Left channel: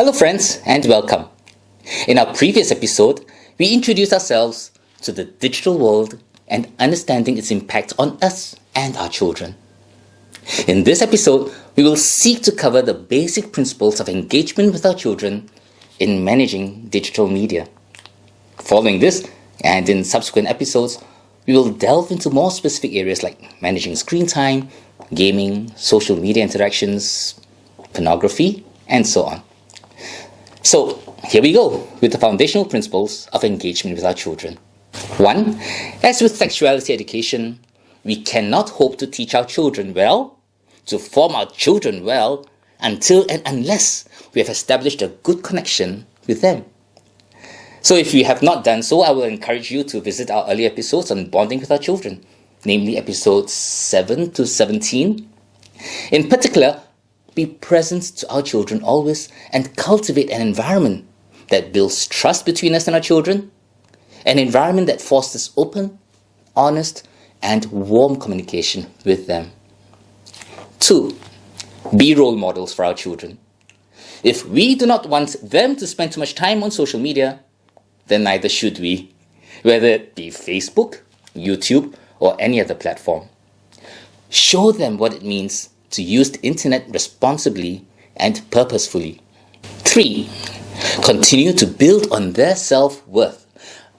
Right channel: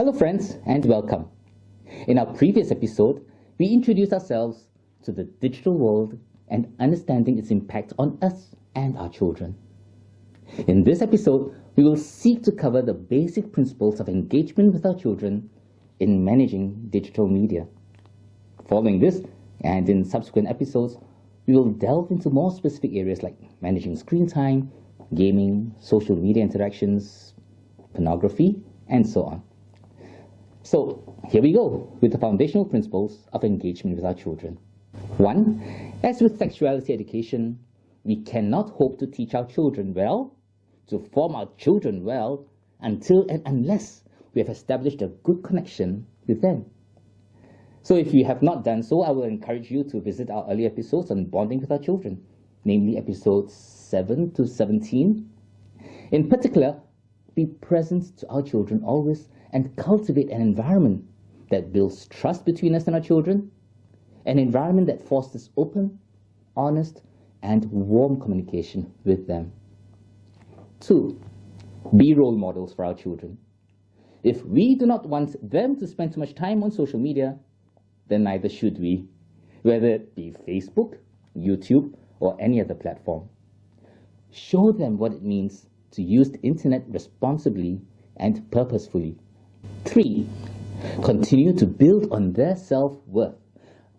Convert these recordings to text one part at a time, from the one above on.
Hello friends and welcome. In our previous episode, we introduced ourselves to the digital world and understanding its impact on us and our children. In this episode, we will seek to cover the basic principles of engagement with our children in managing digital media. Following this, and in subsequent episodes, we will delve into more specific areas like managing screen time, gaming, social media interactions, pornography, and so on. So, here we go with the foundational principles of engagement with our children. 1. As with sexuality education, we cannot hope to teach our children well, to form our children well, until and unless we have established a good connection with them. So if you have not done so, I will encourage you to visit our earlier episodes on bonding with our children, namely episodes 7 to 17. In particular, be present to our children always and cultivate an environment that builds trust between us and our children, an environment that fosters open, honest, and warm communication with them. 2. Be role models for our children. If we do not want them to spend too much time on social media, then neither should we, whether it be Facebook, YouTube, or any other platform. Show them what it means to use the internet responsibly and purposefully. 3. Continue to build on their self-worth.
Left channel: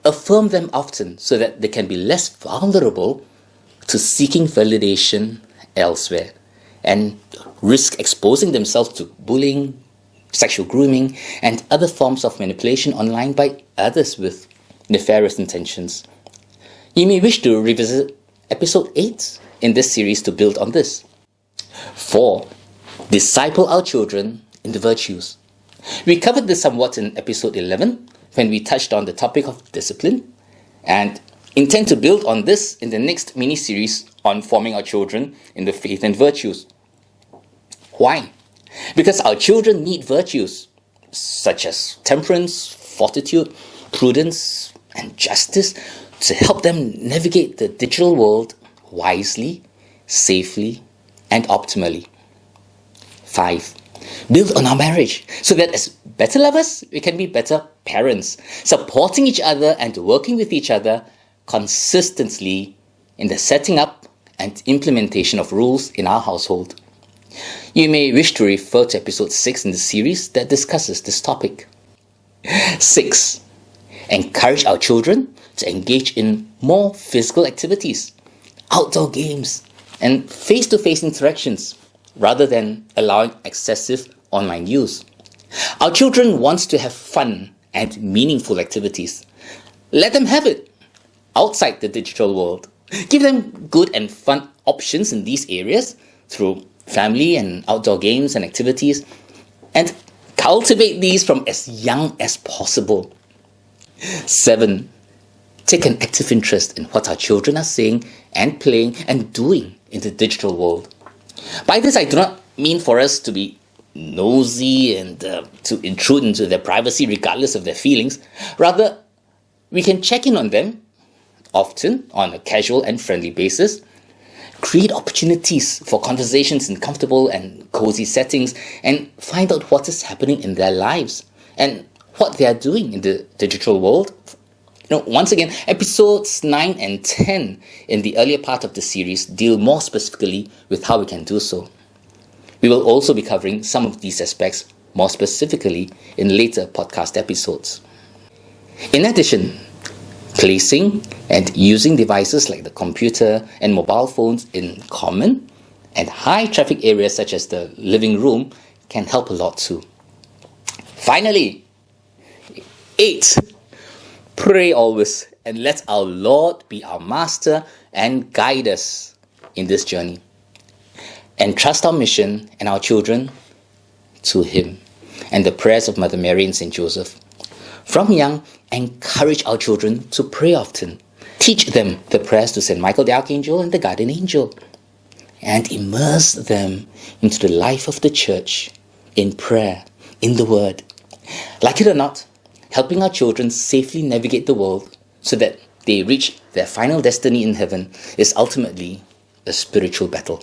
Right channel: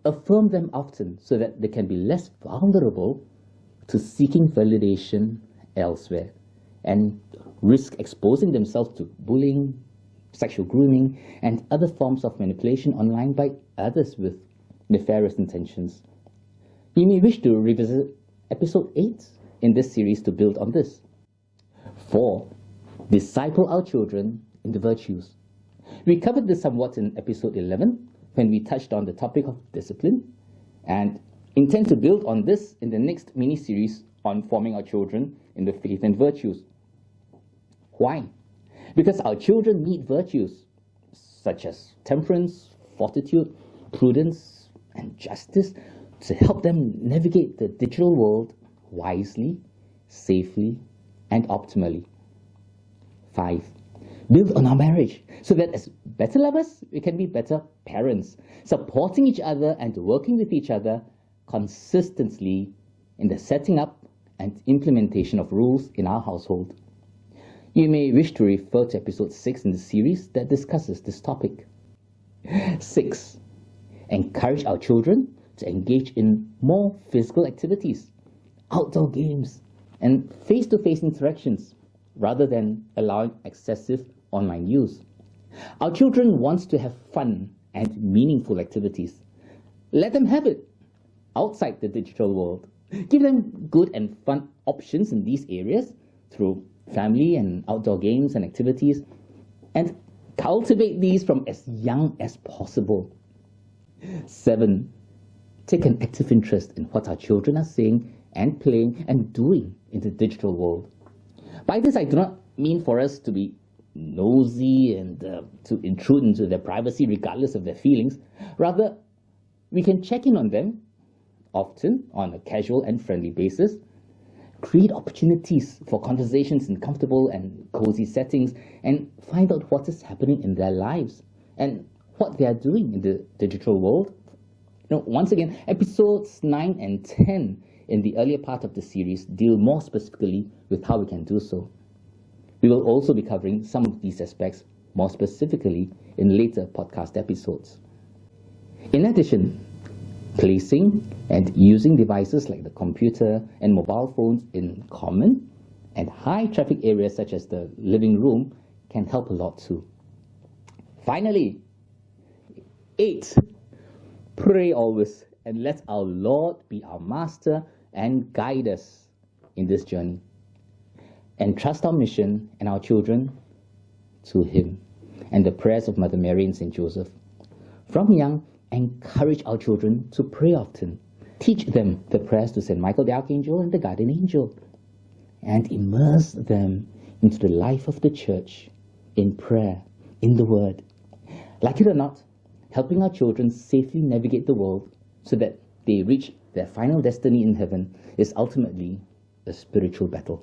Affirm them often so that they can be less vulnerable to seeking validation elsewhere and risk exposing themselves to bullying, sexual grooming, and other forms of manipulation online by others with nefarious intentions. You may wish to revisit episode 8 in this series to build on this. 4. Disciple our children in the virtues. We covered this somewhat in episode 11 when we touched on the topic of discipline, and intend to build on this in the next mini-series on forming our children in the faith and virtues. Why? Because our children need virtues such as temperance, fortitude, prudence, and justice to help them navigate the digital world wisely, safely, and optimally. 5. Build on our marriage so that as better lovers, we can be better parents, supporting each other and working with each other consistently in the setting up and implementation of rules in our household. You may wish to refer to episode 6 in the series that discusses this topic. 6. Encourage our children to engage in more physical activities, outdoor games, and face-to-face interactions rather than allowing excessive online use. Our children want to have fun and meaningful activities. Let them have it outside the digital world. Give them good and fun options in these areas through family and outdoor games and activities, and cultivate these from as young as possible. 7. Take an active interest in what our children are saying and playing and doing in the digital world. By this, I do not mean for us to be nosy and to intrude into their privacy regardless of their feelings. Rather, we can check in on them often on a casual and friendly basis, create opportunities for conversations in comfortable and cozy settings, and find out what is happening in their lives and what they are doing in the digital world. Once again, episodes 9 and 10 in the earlier part of the series deal more specifically with how we can do so. We will also be covering some of these aspects more specifically in later podcast episodes. In addition, placing and using devices like the computer and mobile phones in common and high traffic areas such as the living room can help a lot too. Finally, 8. Pray always and let our Lord be our master and guide us in this journey. Entrust our mission and our children to Him and the prayers of Mother Mary and Saint Joseph. From young, encourage our children to pray often. Teach them the prayers to Saint Michael the Archangel and the Guardian Angel, and immerse them into the life of the Church in prayer, in the Word. Like it or not, helping our children safely navigate the world so that they reach their final destiny in heaven is ultimately a spiritual battle.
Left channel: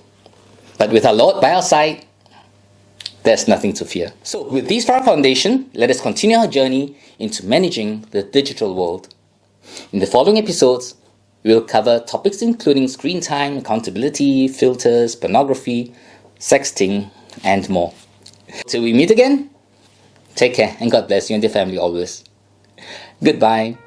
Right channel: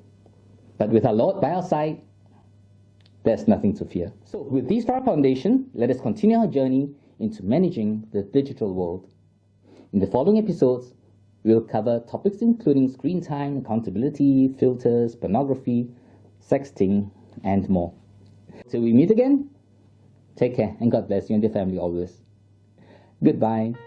But with our Lord by our side, there's nothing to fear. So with these for our foundation, let us continue our journey into managing the digital world. In the following episodes, we will cover topics including screen time, accountability, filters, pornography, sexting, and more. Till we meet again, take care and God bless you and your family always. Goodbye.